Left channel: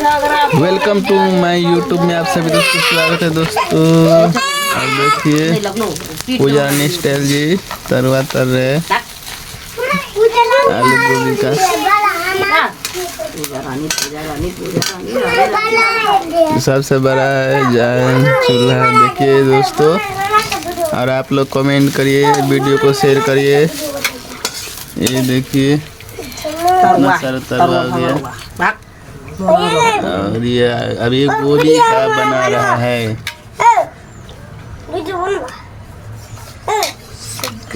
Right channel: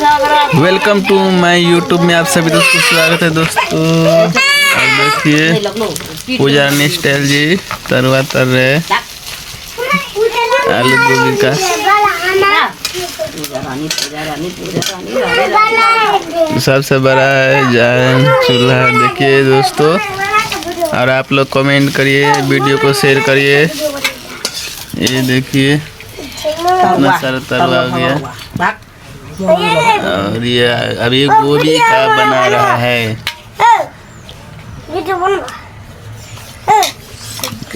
Welcome to my YouTube में आप सभी दोस्तों को स्वागत है दोस्तों। और देखिए पूजा स्टाइल जी तरुआ तर रहे आलू गोभी का। सबसे बड़ा है चूल्हा देखिए दोस्तों। और आप लोग कमेंट करिए, वीडियो को शेयर करिए। ये देखिए इतना सारा तरुआ हो गया। और ये अभी गोभी का बना रहा है।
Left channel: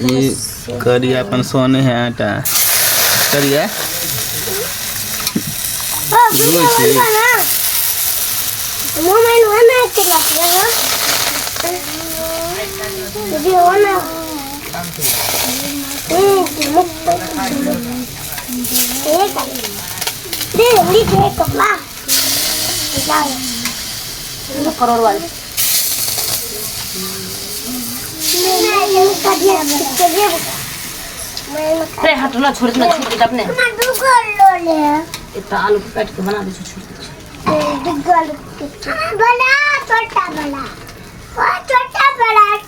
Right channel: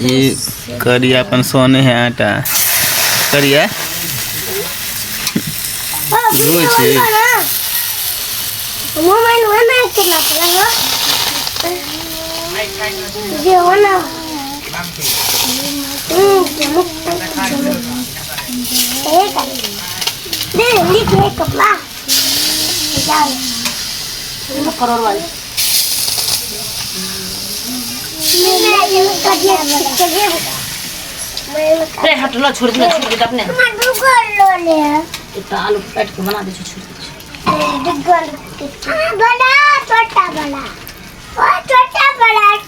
ये करिया अपन सोने है आटा करिया करोड़ वाले अरे हटना छोड़ दे अपने इतना आलू काट के बना दे छोड़ दे बड़ा छोटा बड़ा छोटा बड़ा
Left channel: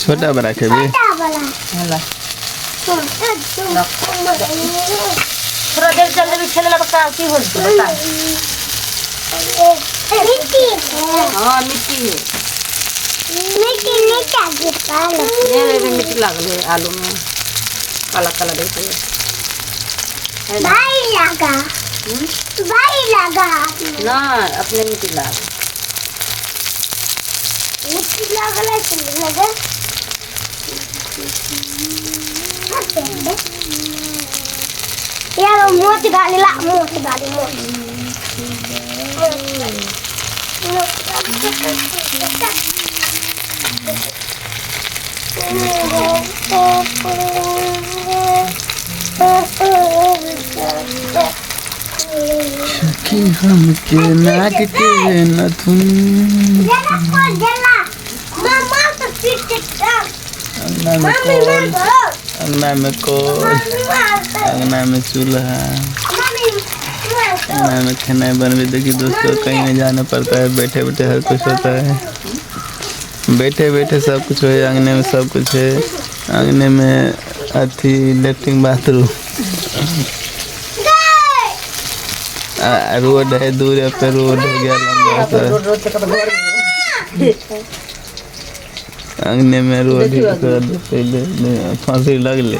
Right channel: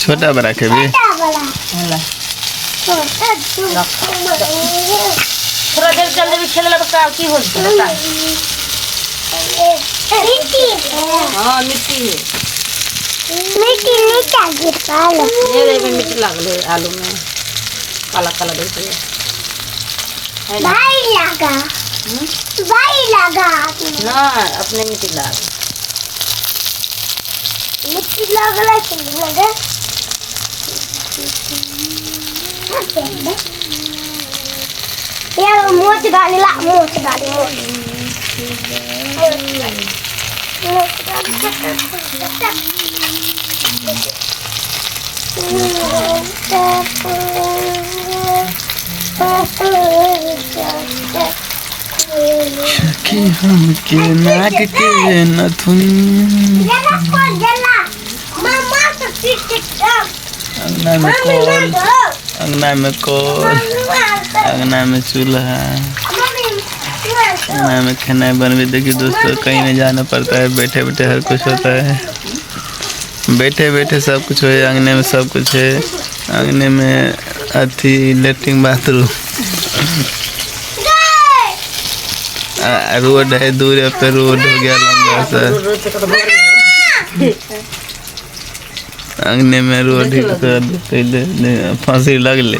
छोटा बड़ा के भी थोड़ा देर चल दे खेले लगा की हो बता। मिट्टी हां मिट्टी है मिट्टी लागले आलू में काला काला देख है ना भाई लगा ना अपने मिट्टी लाग लगा यार मोच डाली कि हम के नाक के नथुन अंगना में कोल अंगना में चूल्हा अंगना में खाना बनवे। देखिए दोस्तों कहीं नहीं जाना पड़ता है, बैठे बैठे हर कुछ होता है। बैठे बैठे सब कुछ है, अंगने में सब कुछ है। अंगने में अथी लेटरिन बाथरूम रोड है, दूर पे रोड हो गया लंबा सा। अंगने में रोड पहले फांसी लगले।